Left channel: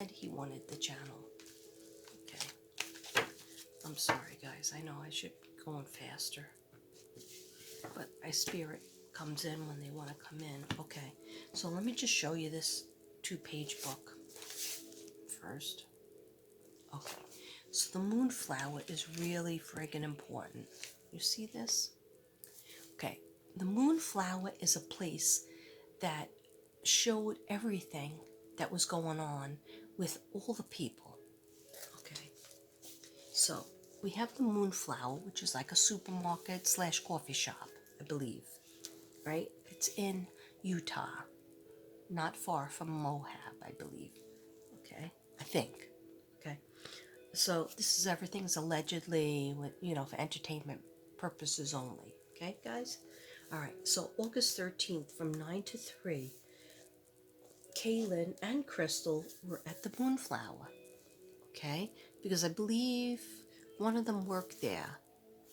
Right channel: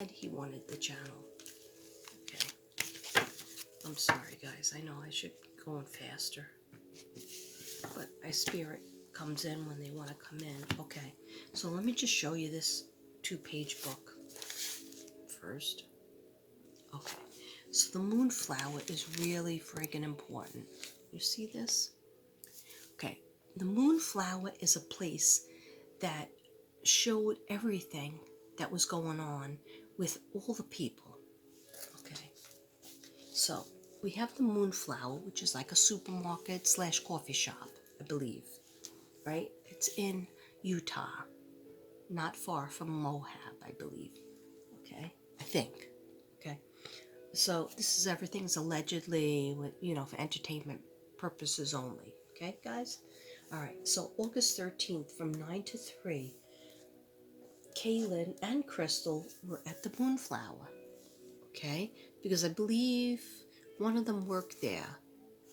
And he wanted the channel. Okay. I'm sorry, guys. I know I should go on faster. But my spirit comes in when they want to come in. Okay. So let me just show you this 2-page book first. Okay. So the moonflower is really friggin' important. You see this? Okay. The moonflower is a place that showed everything that was going on with all the people. Okay. So we have the moonflower, which is like a supermarket / coffee shop, I believe. Right? It's in Utah, not far from Moab, I believe. Okay? I think. Okay? So this is everything's allegedly, for entertainment purposes only. Okay, guys? All right. So August 13th from 9 to 3, Kaylin and Crystal were at the Moonflower. Okay? Because I believe one of them worked there.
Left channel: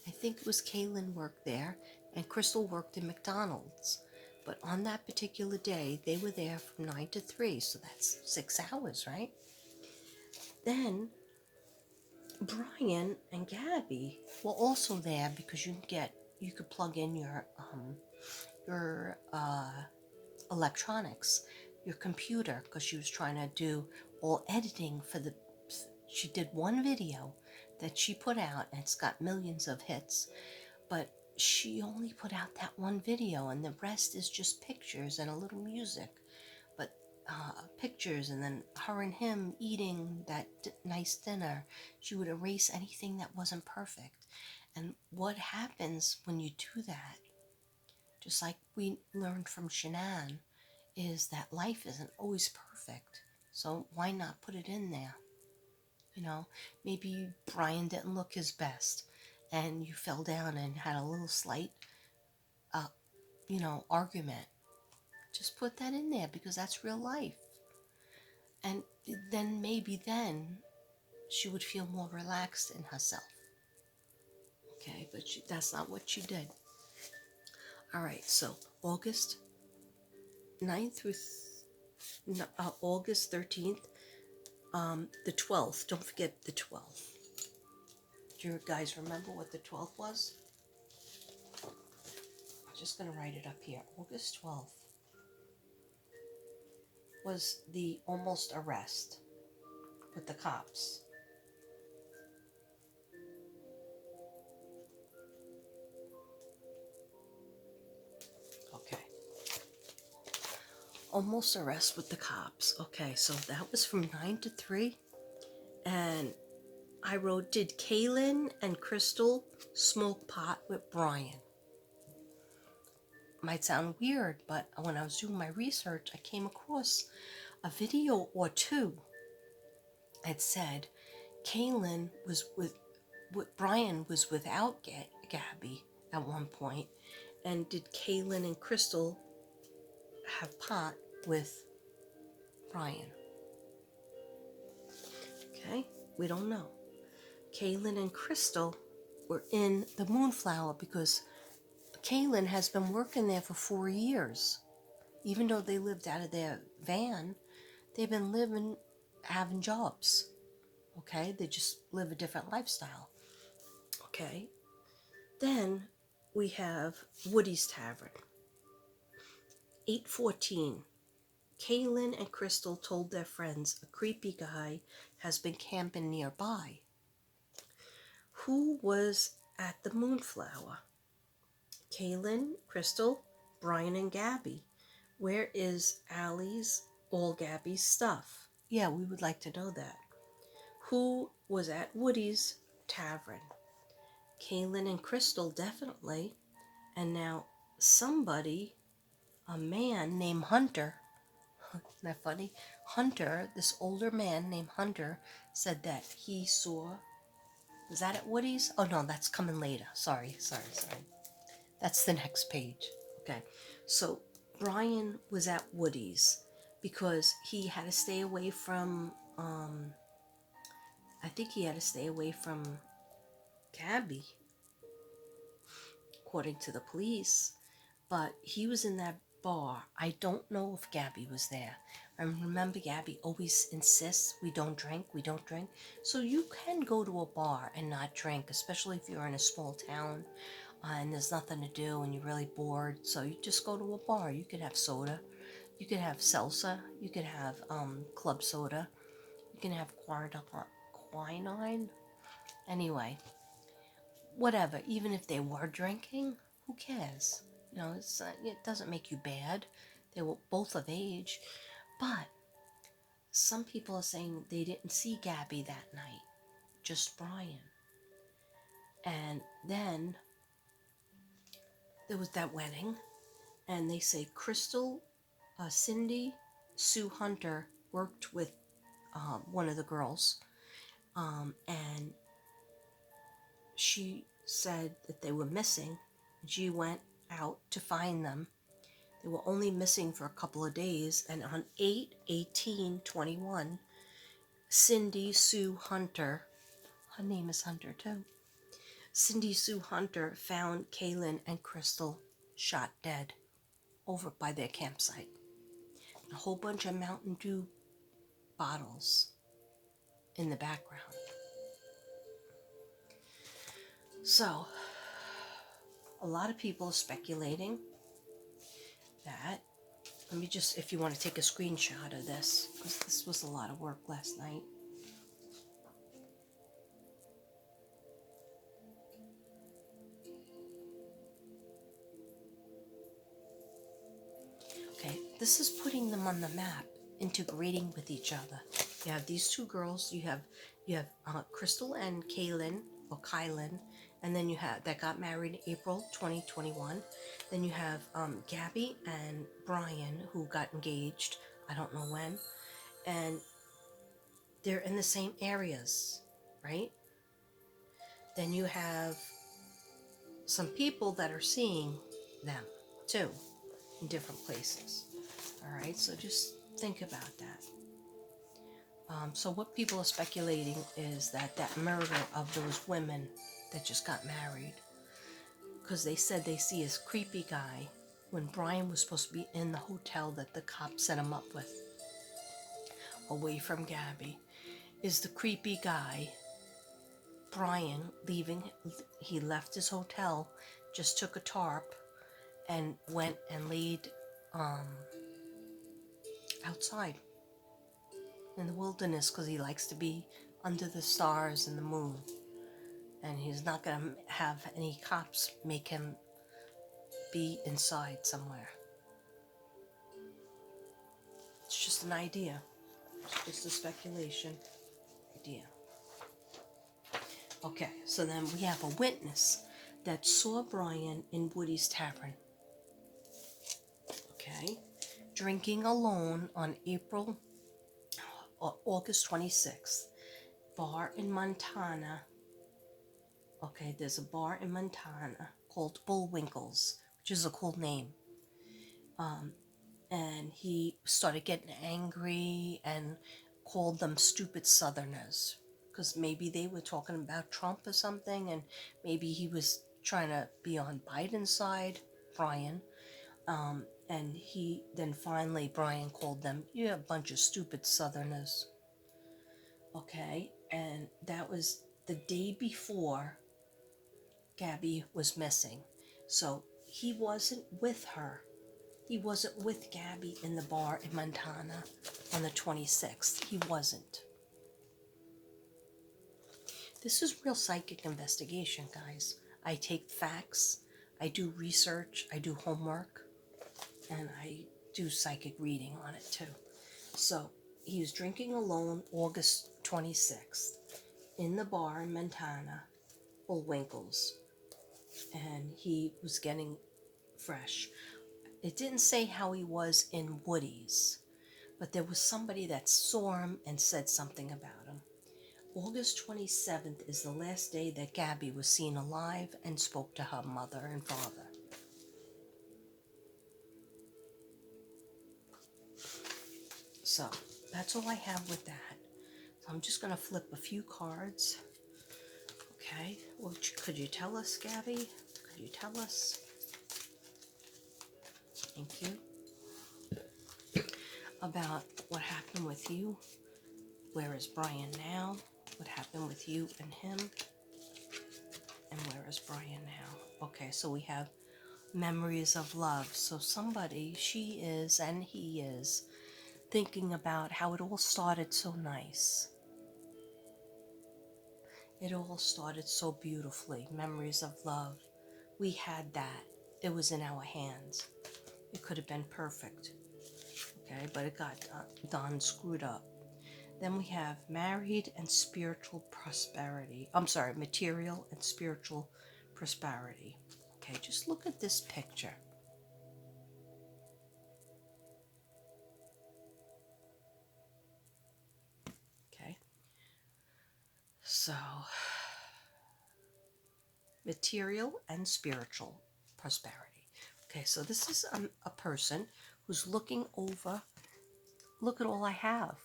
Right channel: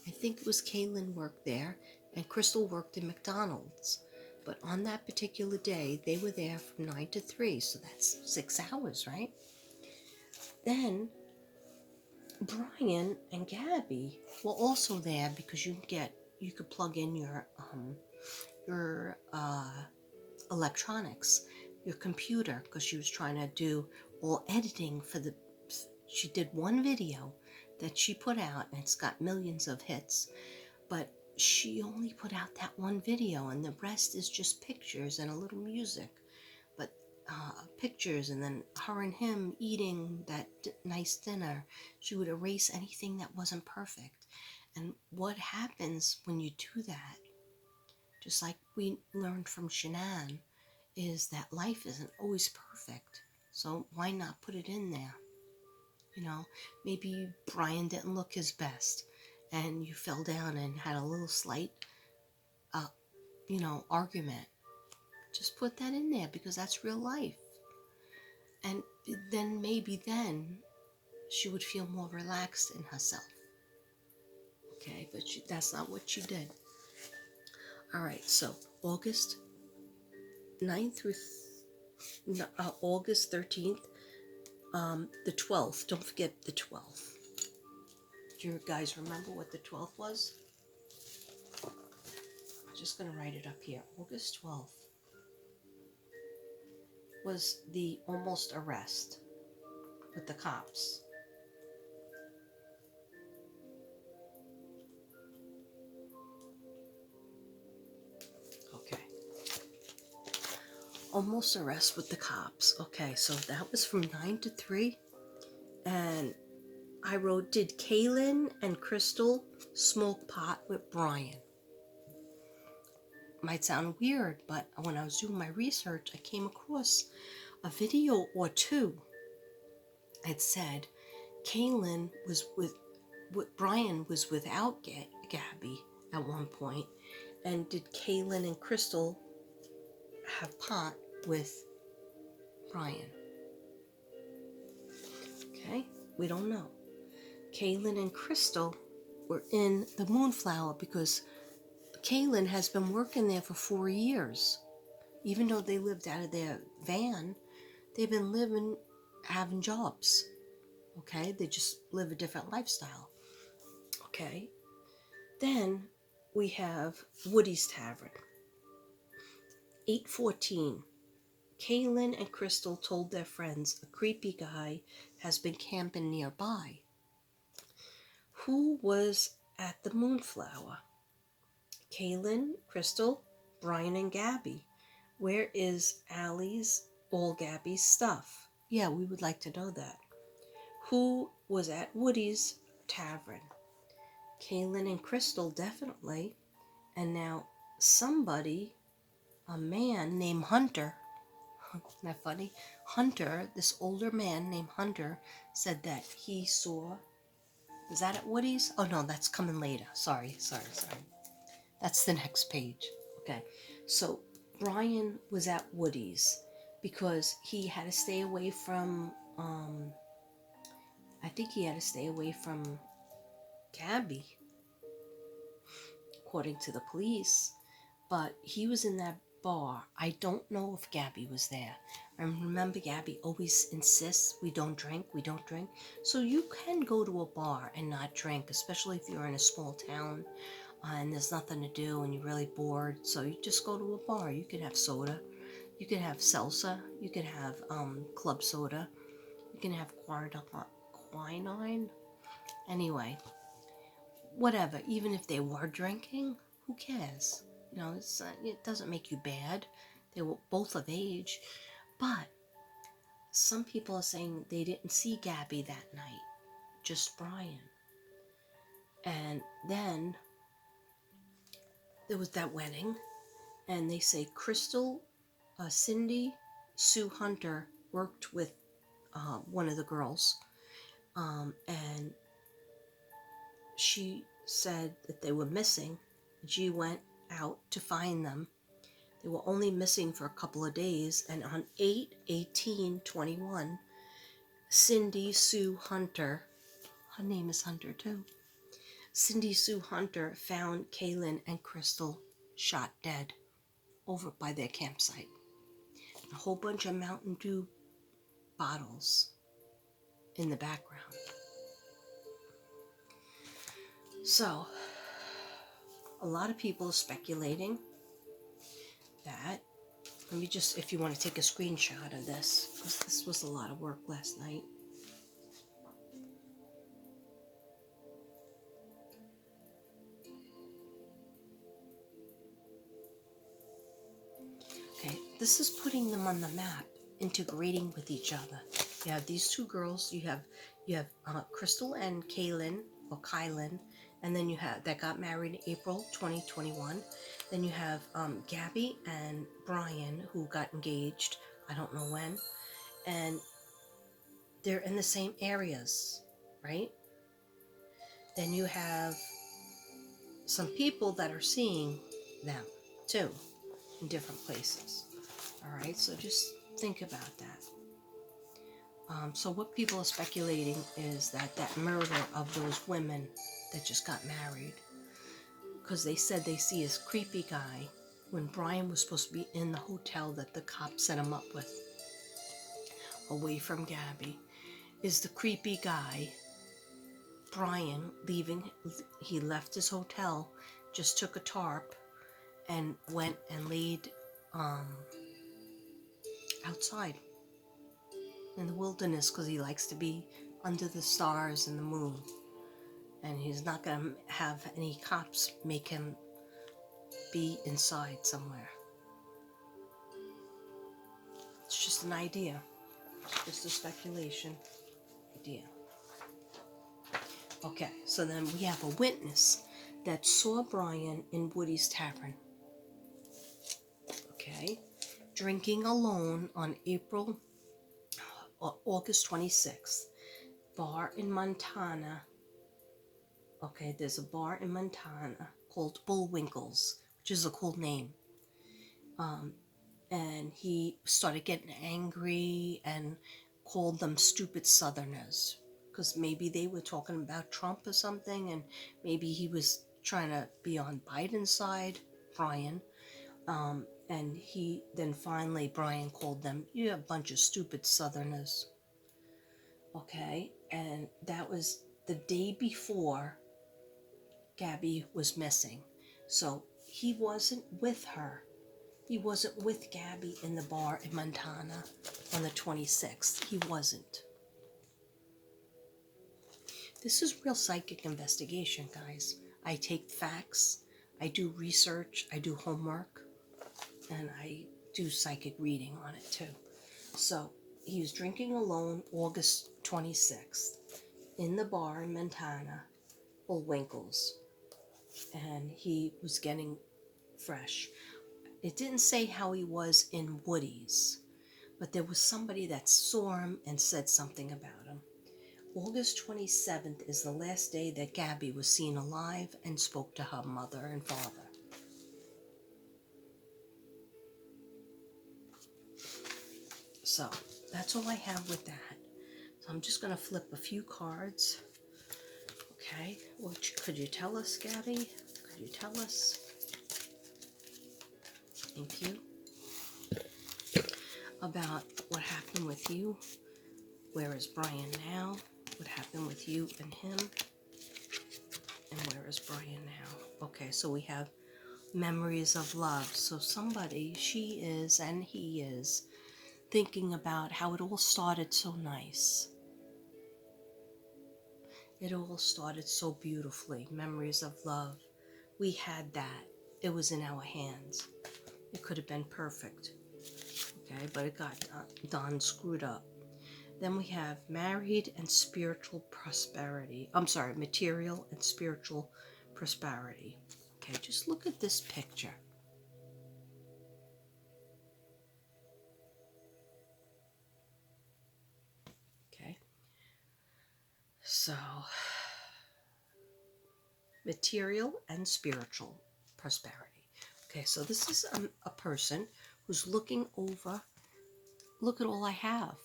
I think it was Kaylin worked there and Crystal worked in McDonald's. But on that particular day, they were there from 9 to 3, so that's 6 hours, right? Then Brian and Gabby were also there because you could plug in your electronics, your computer, because she was trying to do all editing she did one video that she put out and it's got millions of hits, but she only put out that one video and the rest is just pictures and a little music. But pictures, and then her and him eating that nice dinner. She would erase anything that wasn't perfect. And what happens when you do that, just like we learned from Shanann, is that life isn't always perfect. So why not put it in there? Maybe Brian didn't look his best and you fell down and had a little slight, argument. Just put that in there because that's real life. And then maybe then she would feel more relaxed in herself. Okay, but that's not what she did. All right, so August 9th through August 13th, the 12th. Don't forget the 12th. Do you guys remember what the 12th was? I'm just going to write it up here. August 12th was the almost arrest with the cops. Okay. Almost arrest with the cops. Okay, so that was from 9 to 3. And I wrote, did Kaylin and Crystal smoke pot with Brian? Might sound weird, but when I was doing my research, I came across a video or two. It said Kaylin was Brian was without Gabby at one point. And did Kaylin and Crystal have pot with Brian? Okay, we don't know. Kaylin and Crystal were in the Moonflower because Kaylin has been working there for 4 years. Even though they lived out of their van, they've been having jobs. Okay, they just live a different lifestyle. Okay, then we have Woody's Tavern. 8:14. Kaylin and Crystal told their friends a creepy guy has been camping nearby. Who was at the Moonflower? Kaylin, Crystal, Brian, and Gabby. Where is all Gabby's stuff? Yeah, we would like to know that. Who was at Woody's Tavern? Kaylin and Crystal, definitely. And now somebody, a man named Hunter, isn't that funny? Hunter, this older man named Hunter, said that he saw, was that at Woody's? Oh no, that's coming later. Sorry. That's the next page. Okay, so Brian was at Woody's because he had to stay away from, I think he had to stay away from Gabby, according to the police. But he was in that bar. I don't know if Gabby was there, And remember, Gabby always insists we don't drink, we don't drink. So you can go to a bar and not drink, especially if you're in a small town and there's nothing to do and you're really bored. So you just go to a bar. You could have soda, you could have salsa, you could have club soda, you can have quinine. Anyway, whatever. Even if they were drinking, who cares? You know, it doesn't make you bad. They were both of age. But some people are saying they didn't see Gabby that night, just Brian. And then there was that wedding, and they say Crystal, Cindy Sue Hunter worked with one of the girls, and she said that they were missing. She went out to find them. They were only missing for a couple of days, and on 8/18/21, Cindy Sue Hunter, her name is Hunter too, Cindy Sue Hunter found Kaylin and Crystal shot dead over by their campsite. A whole bunch of Mountain Dew bottles in the background. So, a lot of people are speculating that, let me just, if you want to take a screenshot of this, because this was a lot of work last night. Okay, this is putting them on the map, integrating with each other. You have these two girls. You have Crystal and Kaylin, or Kylan, and then you have that got married in April 2021. Then you have Gabby and Brian, who got engaged. I don't know when, and they're in the same areas, right? Then you have some people that are seeing them too in different places. All right, so just think about that. So what people are speculating is that murder of those women that just got married, because they said they see this creepy guy when Brian was supposed to be in the hotel that the cops set him up with, away from Gabby, is the creepy guy. Brian he left his hotel, just took a tarp and went and laid outside in the wilderness, because he likes to be under the stars and the moon, and he's not going to have any cops make him be inside somewhere. It's just an idea. It's just a speculation idea. Okay, so then we have a witness that saw Brian in Woody's Tavern. Okay, drinking alone on August 26th. Bar in Montana. Okay, there's a bar in Montana called Bullwinkle's, which is a cool name. And he started getting angry and called them stupid Southerners, because maybe they were talking about Trump or something, and maybe he was trying to be on Biden's side, Brian. And finally Brian called them, "You're a bunch of stupid Southerners." Okay, and that was the day before Gabby was missing. So he wasn't with her. He wasn't with Gabby in the bar in Montana on the 26th. He wasn't. This is real psychic investigation, guys. I take facts, I do research, I do homework, and I do psychic reading on it too. So he was drinking alone August 26th in the bar in Montana, Bullwinkle's, and he was getting fresh. It didn't say how he was in Woody's, but there was somebody that saw him and said something about him. August 27th is the last day that Gabby was seen alive and spoke to her mother and father. So that's all I have with that. So I'm just going to flip a few cards. Okay, well, could you tell us, Gabby? Could you tell us? Thank you. About what happened with you? Where is Brian now? What happened with you and him? And where is Brian now? Okay, so we have memories of love. So somebody, she is and he is, thinking about how it all started so nice. It all started so beautifully. Memories of love. We had that. It was in our hands. It could have been perfect. Okay, but it got done screwed up. Then we have married and spiritual prosperity. I'm sorry, material and spiritual prosperity. Okay, just look at this picture. Okay, so material and spiritual prosperity. Okay, so this is a person who's looking over, look at all I have.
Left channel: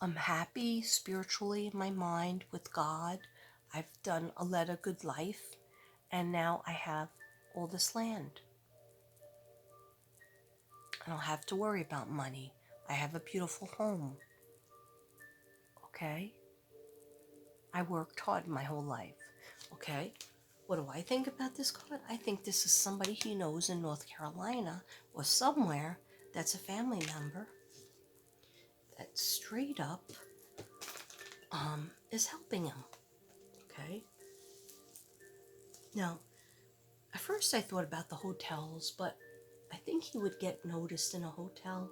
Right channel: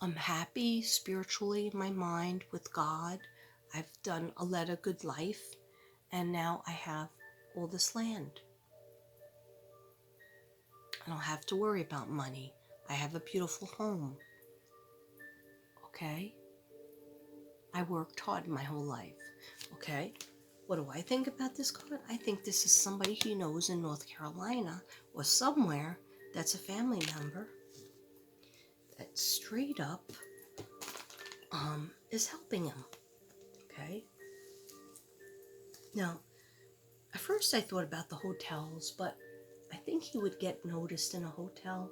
I'm happy spiritually in my mind with God. I've led a good life, and now I have all this land. I don't have to worry about money. I have a beautiful home. Okay? I worked hard my whole life. Okay? What do I think about this card? I think this is somebody he knows in North Carolina or somewhere that's a family member that straight up is helping him. Okay? Now, at first I thought about the hotels, but I think he would get noticed in a hotel.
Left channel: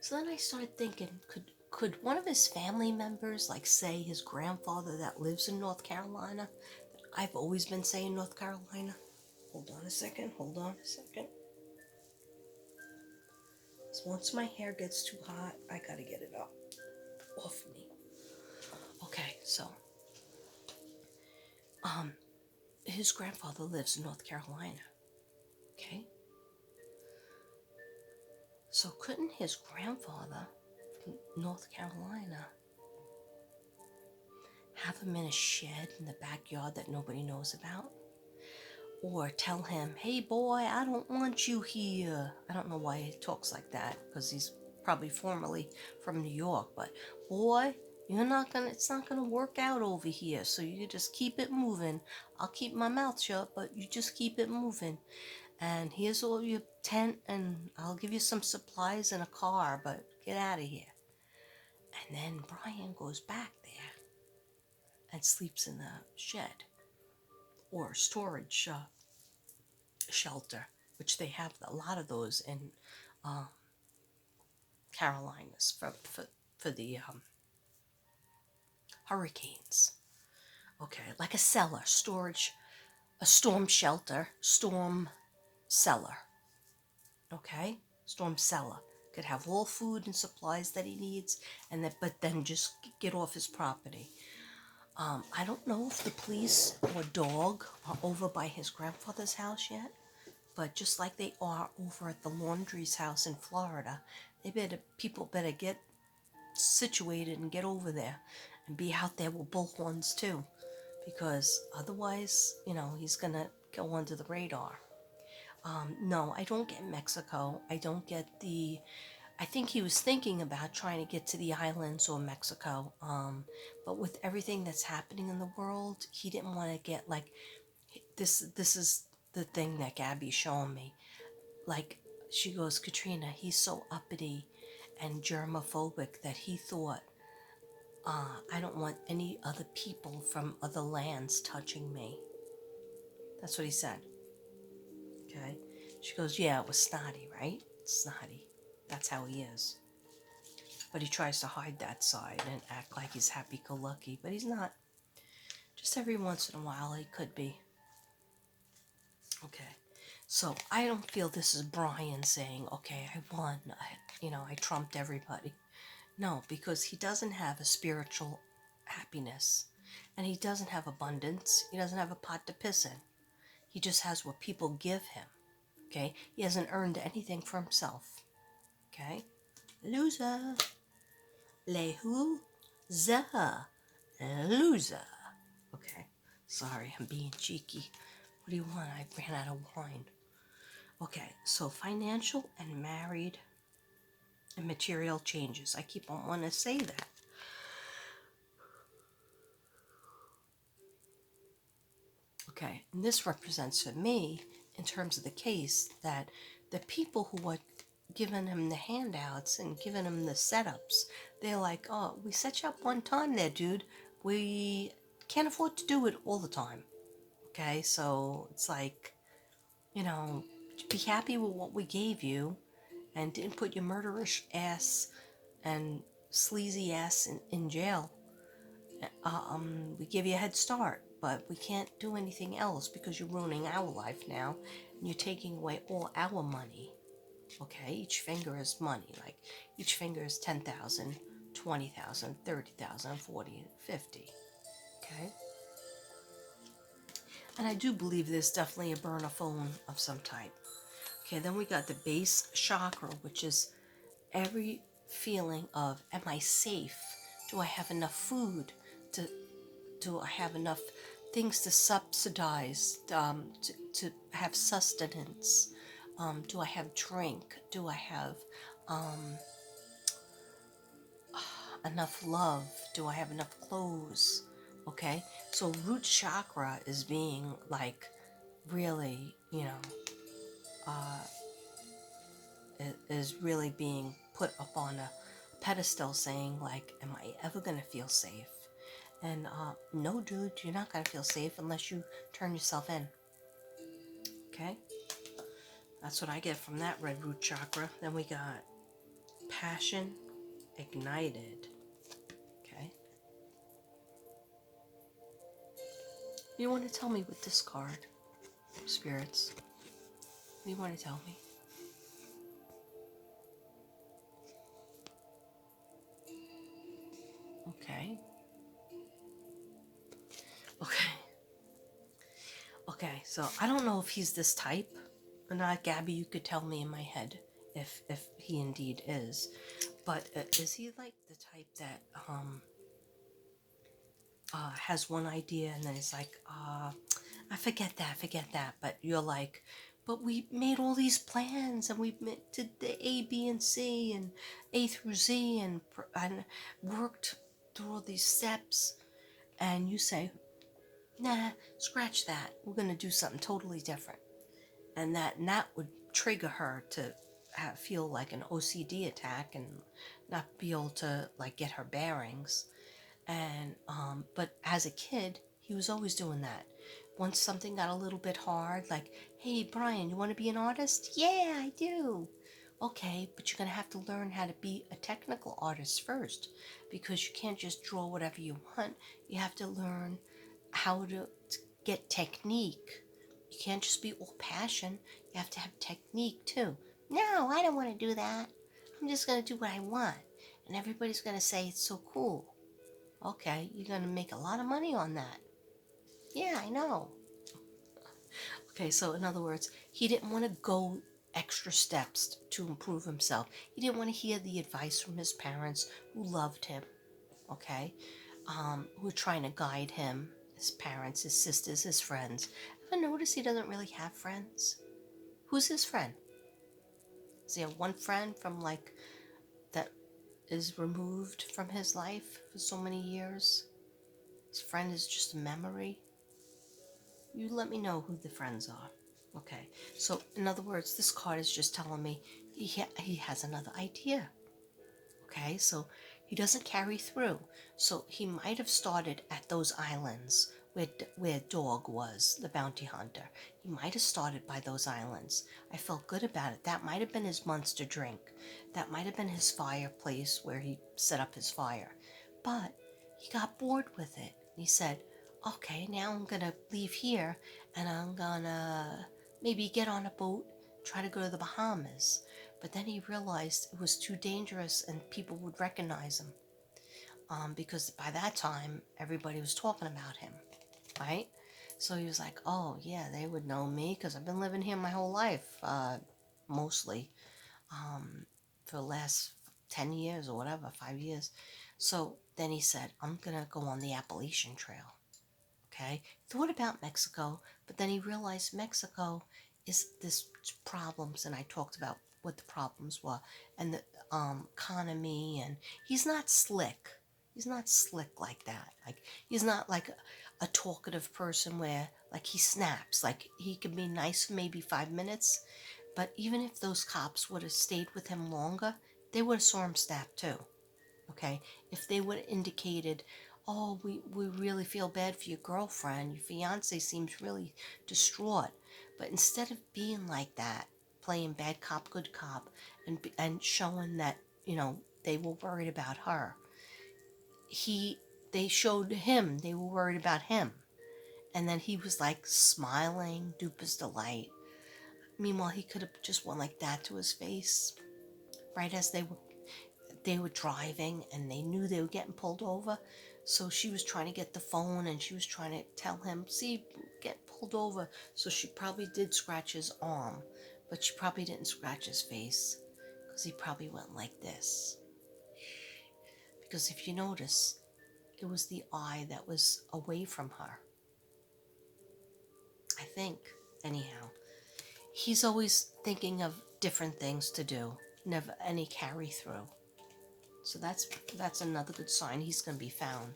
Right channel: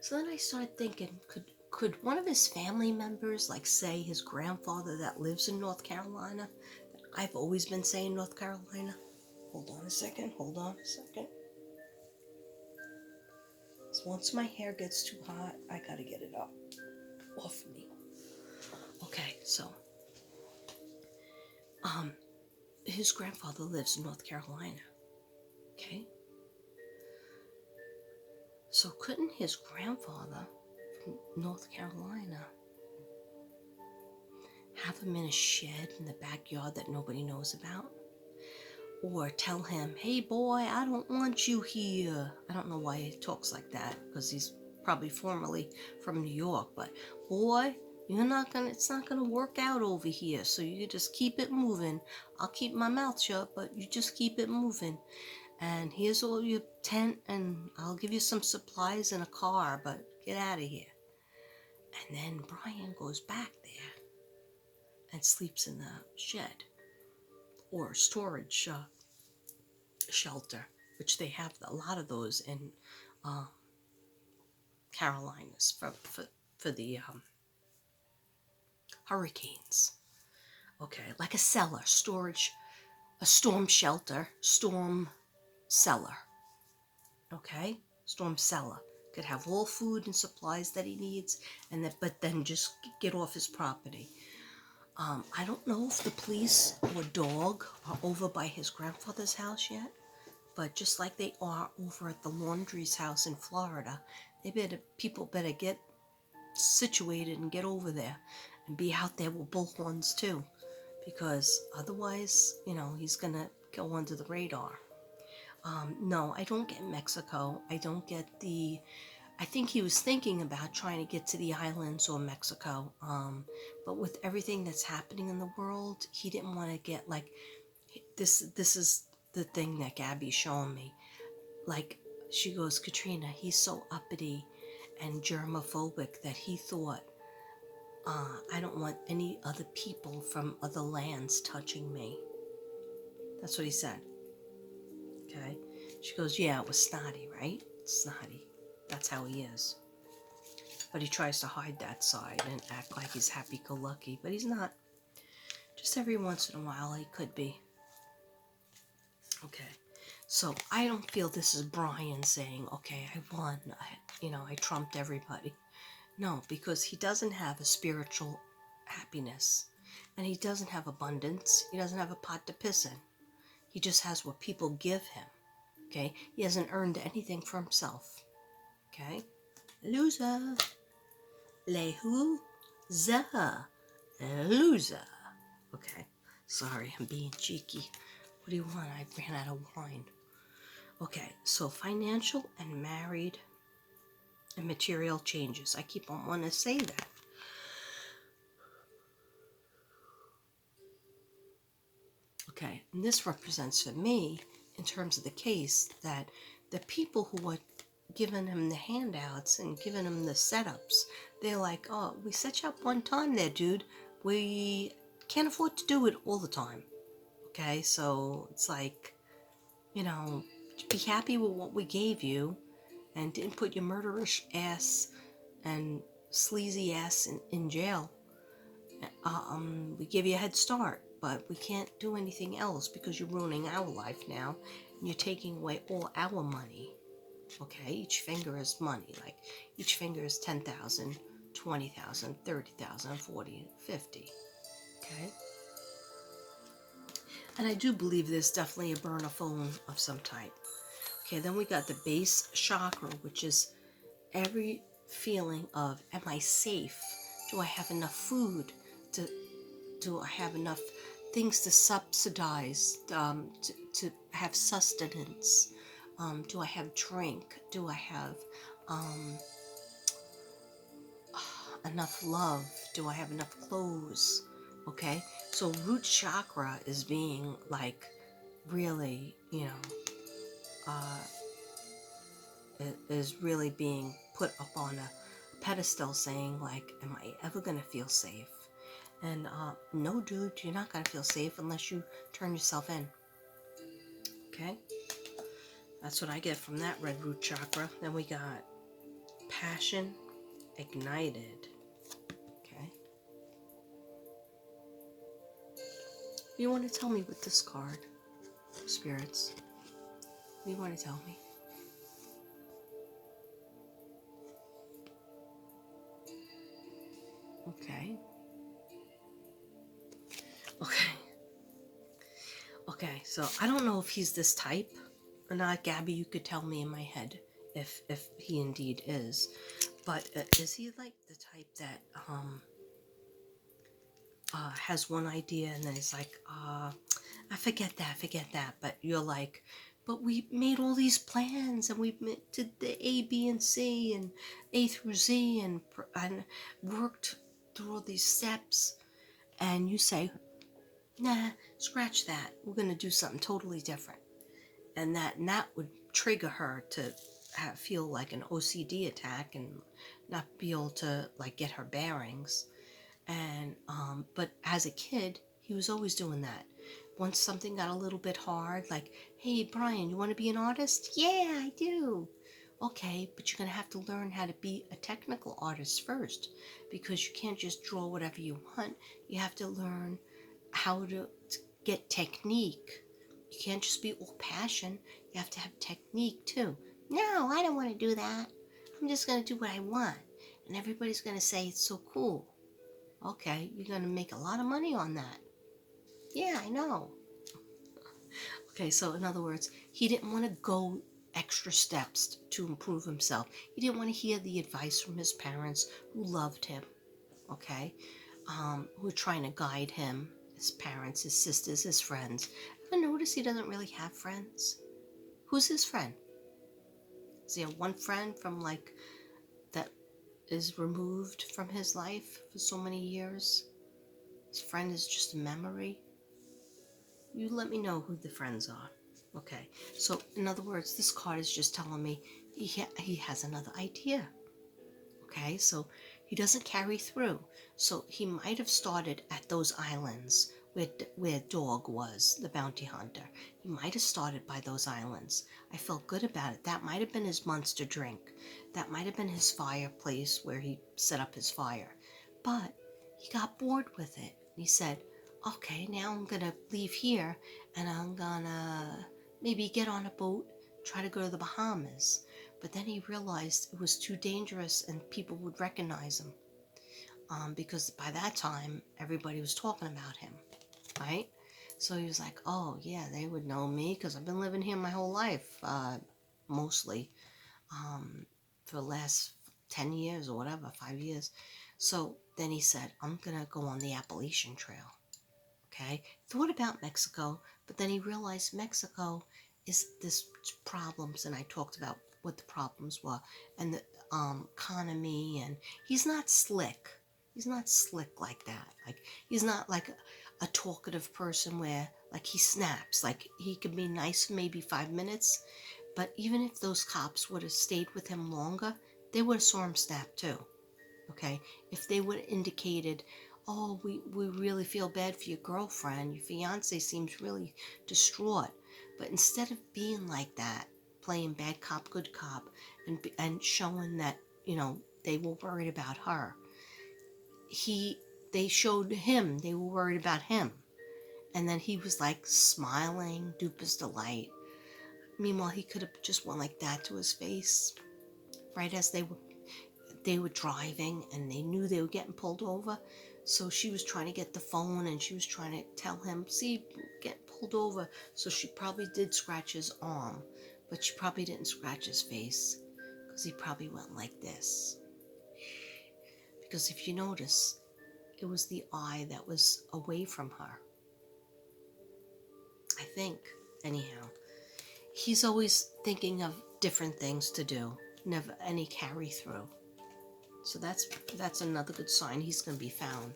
So then I started thinking, could one of his family members, like say his grandfather that lives in North Carolina, I've always been saying North Carolina. Hold on a second. So once my hair gets too hot, I gotta get it up off me. Okay, so his grandfather lives in North Carolina. Okay? So couldn't his grandfather from North Carolina have him in a shed in the backyard that nobody knows about? Or tell him, hey boy, I don't want you here. I don't know why he talks like that, because he's probably formerly from New York, but boy, it's not gonna work out over here, so you just keep it moving. I'll keep my mouth shut, but you just keep it moving. And here's all your tent, and I'll give you some supplies and a car, but get out of here. And then Brian goes back there and sleeps in the shed or storage shelter, which they have a lot of those in Carolinas for the hurricanes. Okay, like a cellar, storage, a storm shelter, storm cellar. Okay, storm cellar. Could have all food and supplies that he needs, but then just get off his property. I don't know if the police or dog are over by his grandfather's house yet, but just like they are over at the Laundrie's house in Florida, people better get situated and get over there and be out there with bullhorns too, because otherwise, he's gonna go under the radar. No, I don't get Mexico. I don't get I think he was thinking about trying to get to the islands or Mexico. But with everything that's happening in the world, he didn't want to get like this. This is the thing that Gabby's showing me. Like, she goes, Katrina, he's so uppity and germophobic that he thought, I don't want any other people from other lands touching me. That's what he said. Okay? She goes, yeah, it was snotty, right? Snotty. That's how he is. But he tries to hide that side and act like he's happy-go-lucky, but he's not. Just every once in a while he could be. Okay. So I don't feel this is Brian saying, okay, I won. I trumped everybody. No, because he doesn't have a spiritual happiness. And he doesn't have abundance. He doesn't have a pot to piss in. He just has what people give him. Okay? He hasn't earned anything for himself. Okay? Loser. Lehuza. Loser. Okay. Sorry, I'm being cheeky. What do you want? I ran out of wine. Okay, so financial and married and material changes. I keep on wanting to say that. Okay, and this represents for me, in terms of the case, that the people who are giving him the handouts and giving him the setups, they're like, oh, we set you up one time there, dude. We can't afford to do it all the time. Okay, so it's like, be happy with what we gave you and didn't put your murderish ass and sleazy ass in jail. We give you a head start, but we can't do anything else because you're ruining our life now and you're taking away all our money. Okay, each finger is money. Like each finger is 10,000, 20,000, 30,000, 40, 50. Okay, and I do believe there's definitely a burner phone of some type. Okay, then we got the base chakra, which is every feeling of, am I safe? Do I have enough food? Do I have enough things to subsidize, to have sustenance? Do I have drink? Do I have enough love? Do I have enough clothes? Okay, so root chakra is being like really, is really being put up on a pedestal, saying like, am I ever gonna feel safe? And no, dude, you're not gonna feel safe unless you turn yourself in. Okay, that's what I get from that red root chakra. Then we got passion ignited. Okay, you want to tell me with this card, spirits? What do you want to tell me? Okay. Okay. Okay, so I don't know if he's this type or not. Gabby, you could tell me in my head if he indeed is. But is he like the type that has one idea and then it's like, I forget that. But you're like, but we made all these plans and we did the A, B, and C and A through Z and worked through all these steps. And you say, nah, scratch that. We're going to do something totally different. And that would trigger her to feel like an OCD attack and not be able to like get her bearings. And but as a kid, he was always doing that. Once something got a little bit hard, like, hey Brian, you want to be an artist? Yeah, I do. Okay, but you're gonna have to learn how to be a technical artist first, because you can't just draw whatever you want. You have to learn how to get technique. You can't just be all passion. You have to have technique too. No, I don't want to do that. I'm just gonna do what I want, and everybody's gonna say it's so cool. Okay, you're going to make a lot of money on that. Yeah, I know. Okay, so in other words, he didn't want to go extra steps to improve himself. He didn't want to hear the advice from his parents who loved him, okay, who were trying to guide him, his parents, his sisters, his friends. Ever notice he doesn't really have friends? Who's his friend? Is he have one friend from like that is removed from his life for so many years? His friend is just a memory. You let me know who the friends are. Okay, so in other words, this card is just telling me he has another idea. Okay, so he doesn't carry through. So he might have started at those islands where Dog was, the bounty hunter. He might have started by those islands. I felt good about it. That might have been his monster drink. That might have been his fireplace where he set up his fire. But he got bored with it. He said, okay, now I'm going to leave here and I'm going to maybe get on a boat, try to go to the Bahamas. But then he realized it was too dangerous and people would recognize him, because by that time, everybody was talking about him, right? So he was like, oh, yeah, they would know me because I've been living here my whole life, mostly, for the last 10 years or whatever, 5 years. So then he said, I'm going to go on the Appalachian Trail. Okay, thought about Mexico, but then he realized Mexico is this problems, and I talked about what the problems were, and economy, and he's not slick. He's not slick like that. Like, he's not like a talkative person where like he snaps. Like, he could be nice for maybe 5 minutes, but even if those cops would have stayed with him longer, they would have saw him snap too. Okay, if they would have indicated, oh, we really feel bad for your girlfriend, your fiance seems really distraught, but instead of being like that, playing bad cop, good cop, and showing that, you know, they were worried about her, they showed him they were worried about him, and then he was like smiling, duper's delight. Meanwhile, he could have just went like that to his face, right as they were driving, and they knew they were getting pulled over. So she was trying to get the phone, and she was trying to tell him, see, get pulled over. So she probably did scratch his arm, but she probably didn't scratch his face, because he probably went like this. Because if you notice, it was the eye that was away from her, I think. Anyhow, he's always thinking of different things to do, never any carry through. So that's another good sign he's going to be found.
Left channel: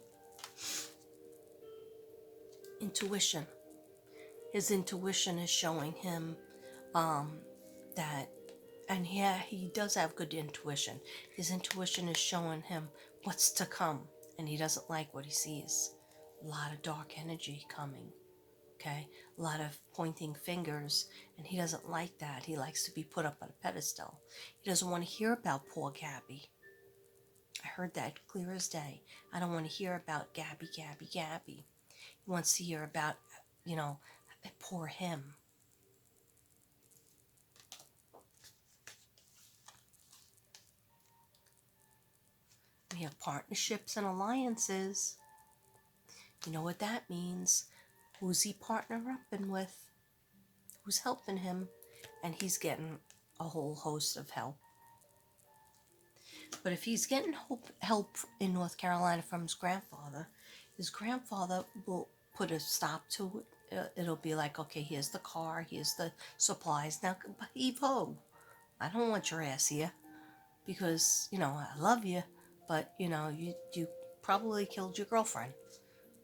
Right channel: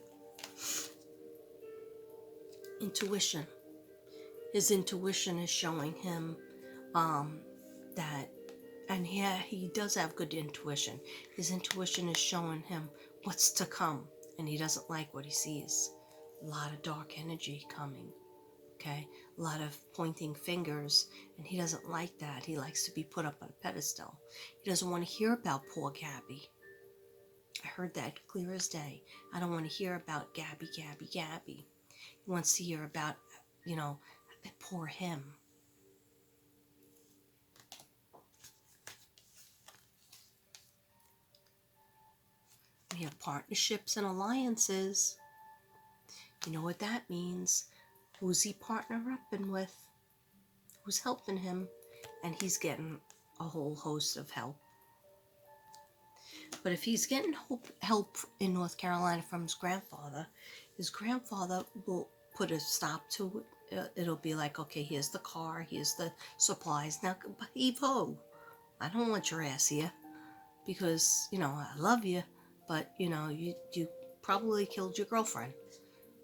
Intuition. His intuition is showing him that, and yeah, he does have good intuition. His intuition is showing him what's to come, and he doesn't like what he sees. A lot of dark energy coming, okay? A lot of pointing fingers, and he doesn't like that. He likes to be put up on a pedestal. He doesn't want to hear about poor Gabby. I heard that clear as day. I don't want to hear about Gabby. He wants to hear about, you know, poor him. We have partnerships and alliances. You know what that means. Who's he partnering up with? Who's helping him? And he's getting a whole host of help. But if he's getting help in North Carolina from his grandfather will put a stop to it. It'll be like, okay, here's the car, here's the supplies. Now, heave-ho, I don't want your ass here, because, you know, I love you, but, you know, you probably killed your girlfriend,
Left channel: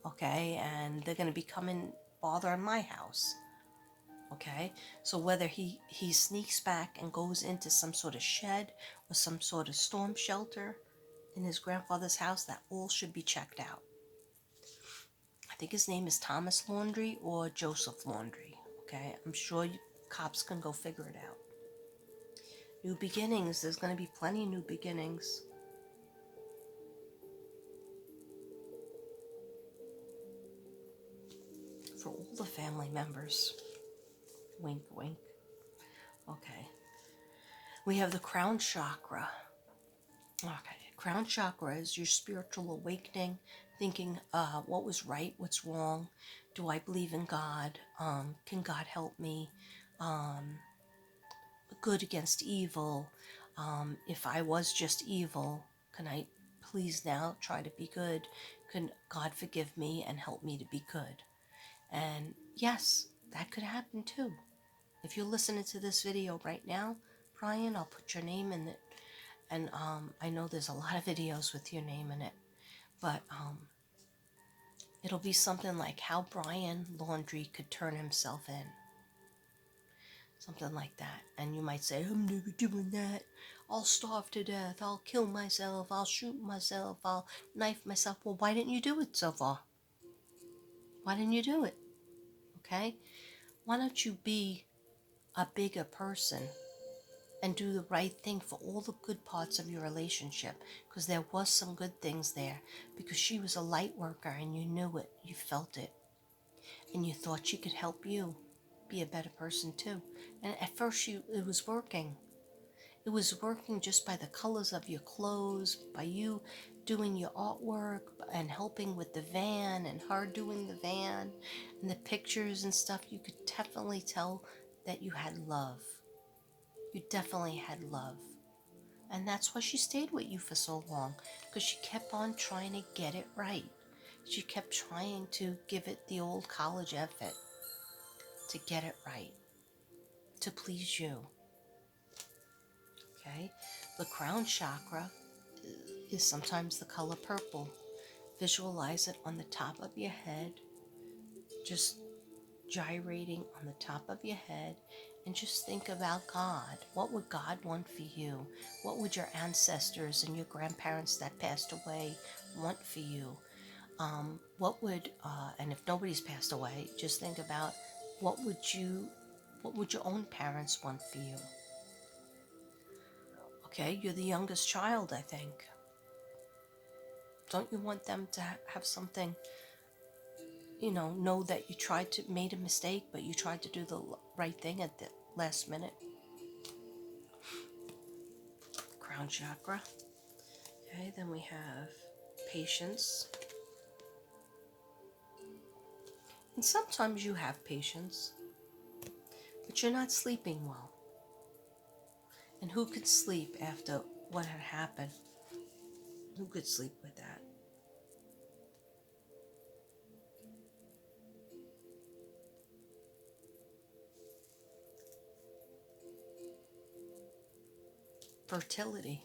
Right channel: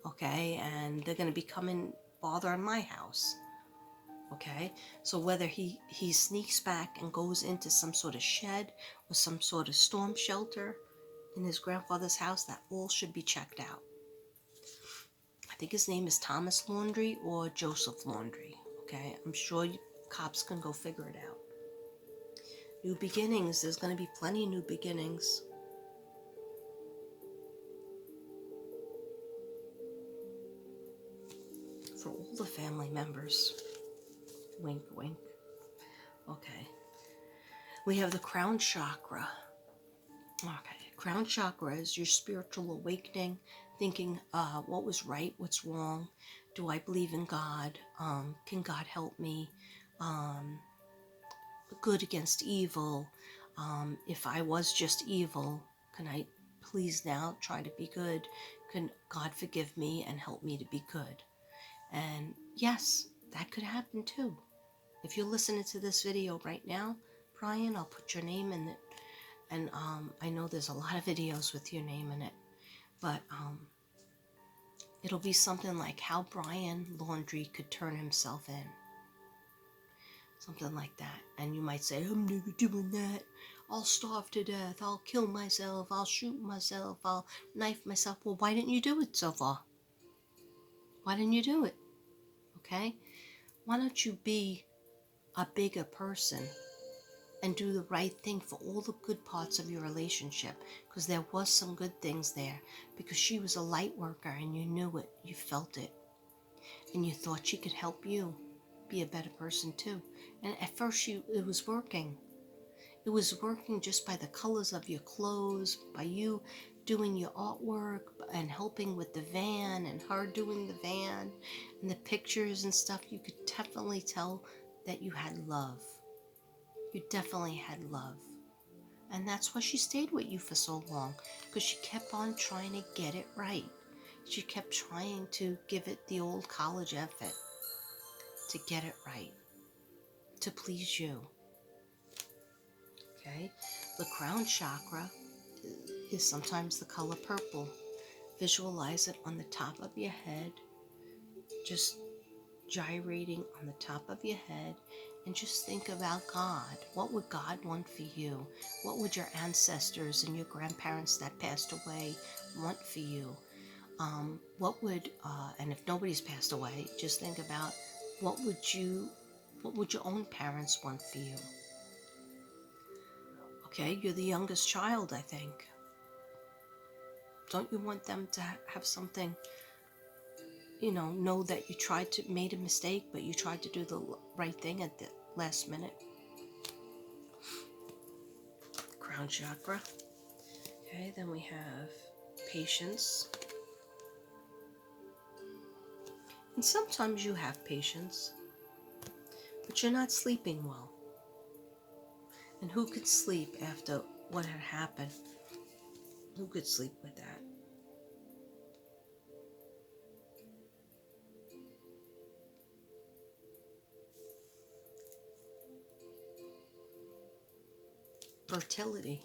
okay? And they're going to be coming bothering my house, okay? So whether he sneaks back and goes into some sort of shed or some sort of storm shelter in his grandfather's house, that all should be checked out. I think his name is Thomas Laundrie or Joseph Laundrie, okay? I'm sure cops can go figure it out. New beginnings. There's going to be plenty of new beginnings. For all the family members. Wink, wink. Okay. We have the Crown Chakra. Okay. Crown Chakra is your spiritual awakening, thinking what was right, what's wrong. Do I believe in God? Can God help me? Good against evil. If I was just evil, can I please now try to be good? Can God forgive me and help me to be good? And yes, that could happen too. If you're listening to this video right now, Brian, I'll put your name in it. And I know there's a lot of videos with your name in it. But it'll be something like how Brian Laundrie could turn himself in. Something like that. And you might say, I'm never doing that. I'll starve to death. I'll kill myself. I'll shoot myself. I'll knife myself. Well, why didn't you do it so far? Why didn't you do it? Okay? Why don't you be a bigger person and do the right thing for all the good parts of your relationship? Because there was some good things there. Because she was a light worker and you knew it. You felt it. And you thought she could help you be a better person too. And at first it was working. It was working just by the colors of your clothes, by you doing your artwork and helping with the van and her doing the van and the pictures and stuff. You could definitely tell that you had love. You definitely had love. And that's why she stayed with you for so long, because she kept on trying to get it right. She kept trying to give it the old college effort to get it right, to please you. Okay? The crown chakra is sometimes the color purple. Visualize it on the top of your head, just gyrating on the top of your head, and just think about God. What would God want for you? What would your ancestors and your grandparents that passed away want for you? And if nobody's passed away, just think about what would your own parents want for you? Okay, you're the youngest child, I think. Don't you want them to have something, know that you made a mistake, but you tried to do the right thing at the last minute? Crown chakra. Okay, then we have patience. And sometimes you have patience, but you're not sleeping well. And who could sleep after what had happened? Who could sleep with that? Fertility.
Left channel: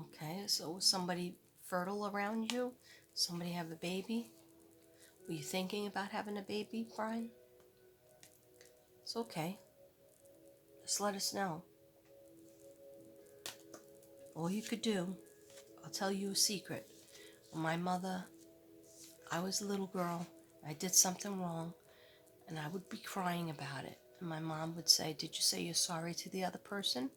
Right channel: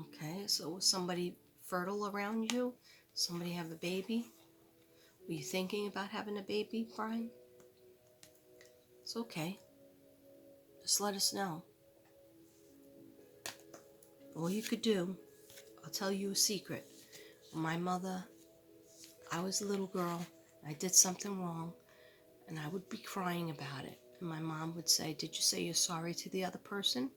Okay, so was somebody fertile around you? Somebody have a baby? Were you thinking about having a baby, Brian? It's okay. Just let us know. All you could do, I'll tell you a secret. My mother, I was a little girl, I did something wrong, and I would be crying about it. And my mom would say, "Did you say you're sorry to the other person?"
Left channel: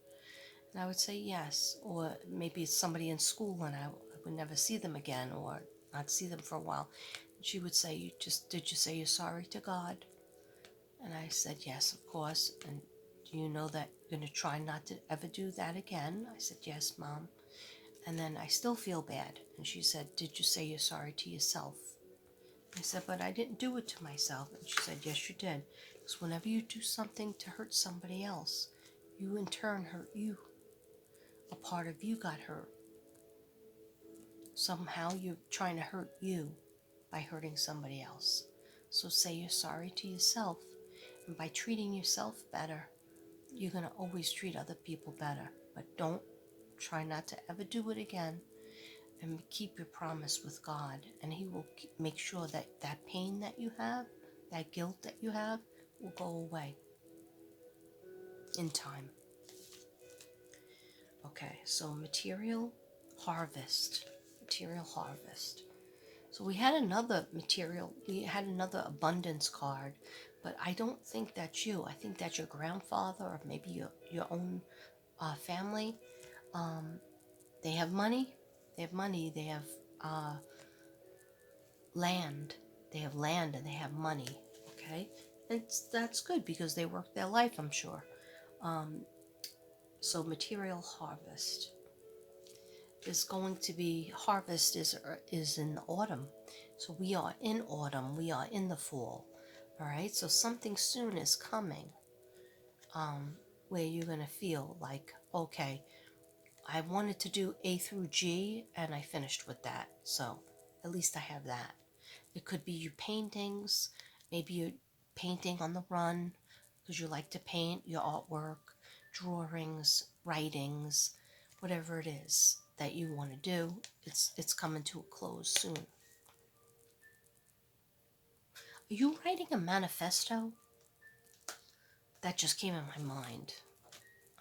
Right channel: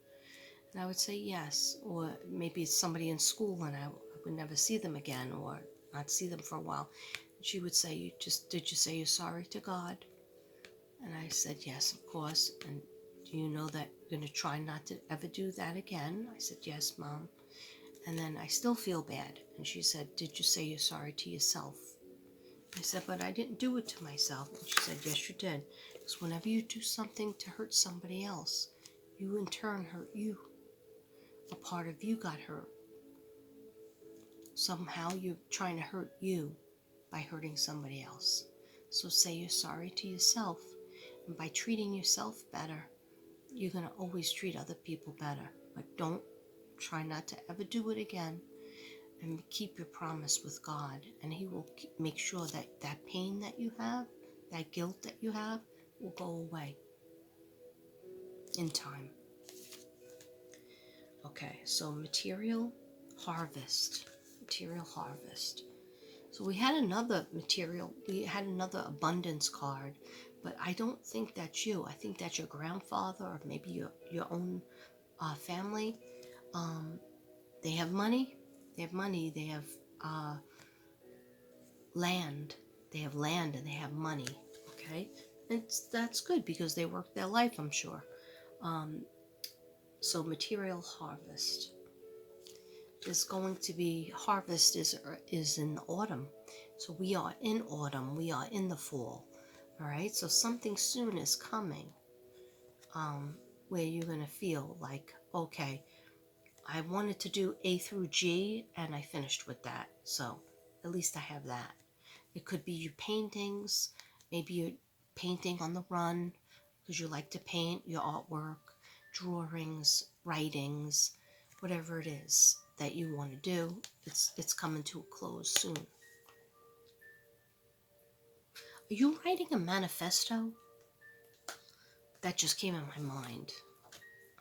And I would say yes. Or maybe it's somebody in school and I would never see them again or not see them for a while. And she would say, did you say you're sorry to God? And I said, yes, of course. And do you know that you're going to try not to ever do that again? I said, yes, Mom. And then I still feel bad. And she said, did you say you're sorry to yourself? I said, but I didn't do it to myself. And she said, yes, you did. Because whenever you do something to hurt somebody else, you in turn hurt you. A part of you got hurt. Somehow you're trying to hurt you by hurting somebody else. So say you're sorry to yourself. And by treating yourself better, you're going to always treat other people better. But try not to ever do it again. And keep your promise with God. And He will make sure that that pain that you have, that guilt that you have, will go away in time. Okay, so material harvest. So we had another abundance card, but I don't think that's you. I think that's your grandfather or maybe your own family. They have money. They have land. They have land and they have money. Okay, that's good because they worked their life, I'm sure. So material harvest is going to be, harvest is in the autumn. So we are in autumn, we are in the fall. All right, so something soon is coming where you're going to feel like, okay, I wanted to do A through G and I finished with that. So at least I have that. It could be your paintings, maybe you're painting on the run because you like to paint, your artwork, drawings, writings, whatever it is that you want to do, it's coming to a close soon. Are you writing a manifesto? That just came in my mind.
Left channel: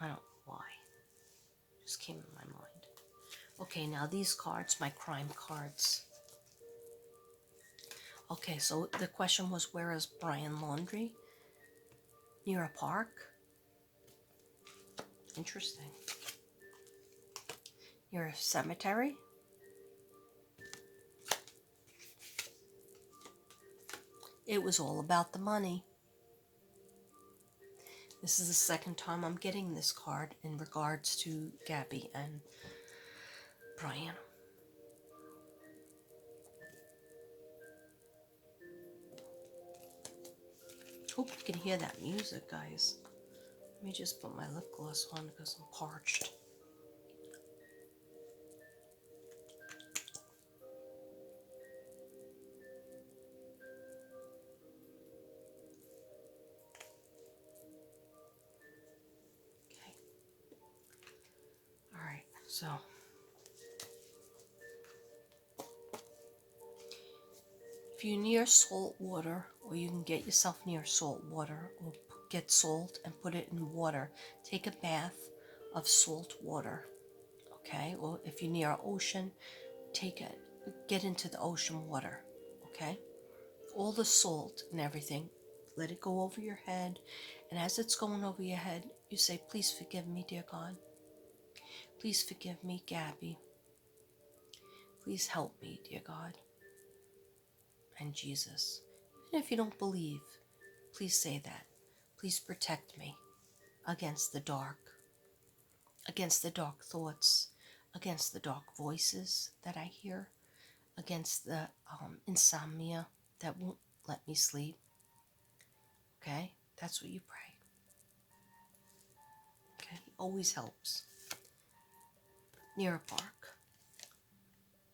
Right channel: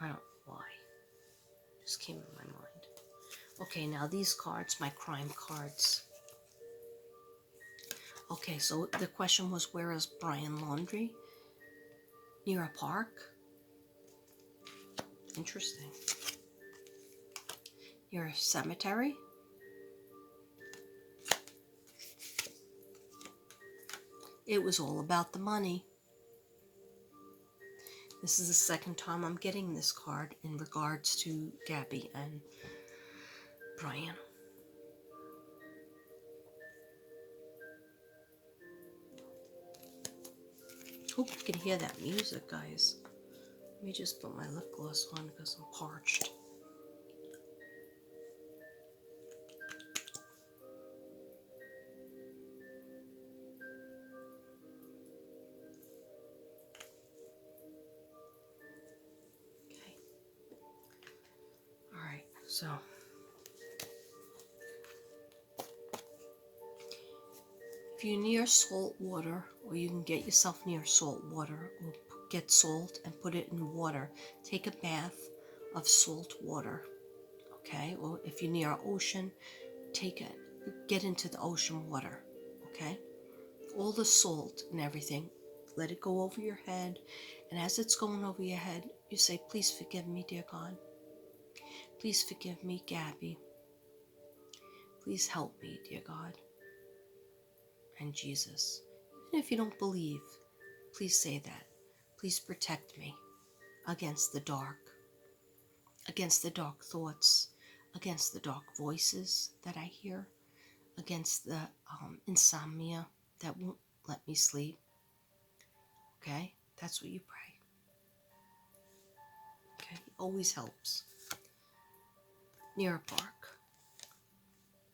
I don't know why. Just came in my mind. Okay, now these cards, my crime cards. Okay, so the question was, where is Brian Laundrie? Near a park? Interesting. Near a cemetery? It was all about the money. This is the second time I'm getting this card in regards to Gabby and Brian. Hope you can hear that music, guys. Let me just put my lip gloss on because I'm parched. So, if you're near salt water, or you can get yourself near salt water, or get salt and put it in water, take a bath of salt water, okay? Or if you're near an ocean, get into the ocean water, okay? All the salt and everything, let it go over your head, and as it's going over your head, you say, please forgive me, dear God. Please forgive me, Gabby. Please help me, dear God. And Jesus. Even if you don't believe, please say that. Please protect me against the dark thoughts, against the dark voices that I hear, against the insomnia that won't let me sleep. Okay? That's what you pray. Okay? Always helps. Near a park,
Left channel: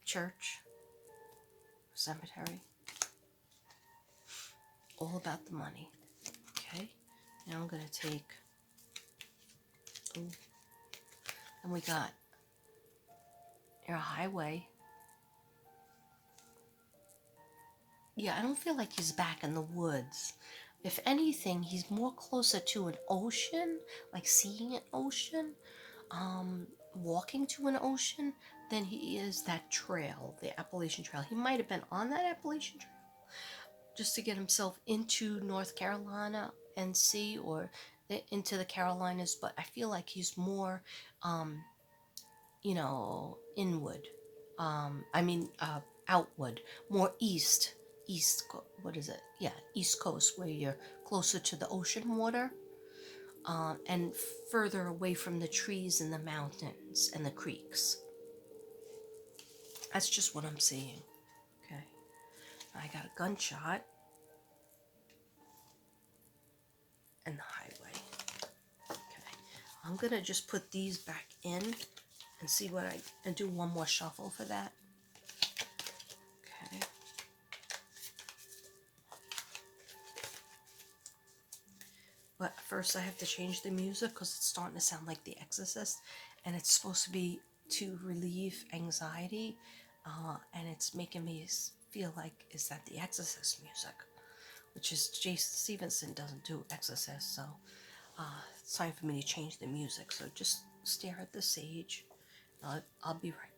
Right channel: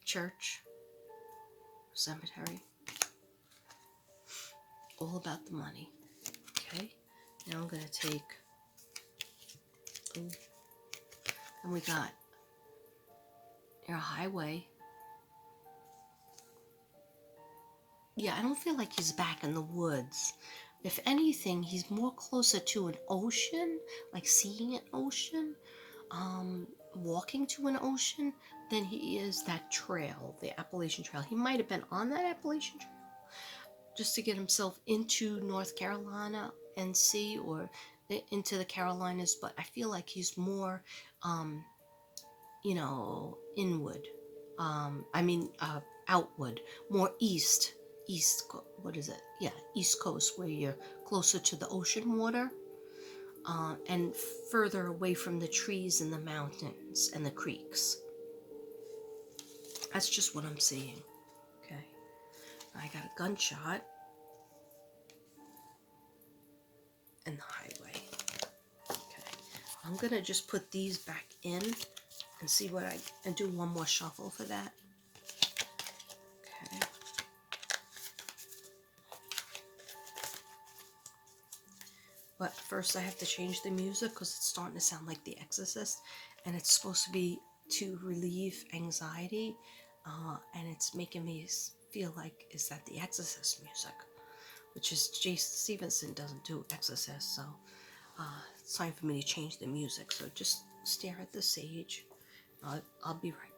church, cemetery. All about the money. Okay? Now I'm going to take... and we got near a highway. Yeah, I don't feel like he's back in the woods. If anything, he's more closer to an ocean, like seeing an ocean, walking to an ocean, than he is that trail, the Appalachian Trail. He might have been on that Appalachian Trail just to get himself into North Carolina and see, or into the Carolinas, but I feel like he's more, inward. Outward, more east, what is it? Yeah, East Coast, where you're closer to the ocean water, and further away from the trees and the mountains and the creeks. That's just what I'm seeing. Okay, I got a gunshot and the highway. Okay, I'm gonna just put these back in and see and do one more shuffle for that. Okay. But first I have to change the music because it's starting to sound like The Exorcist, and it's supposed to be to relieve anxiety, and it's making me feel like, is that The Exorcist music? Which is, Jason Stevenson doesn't do Exorcist, so it's time for me to change the music. So just stare at the sage. I'll be right back.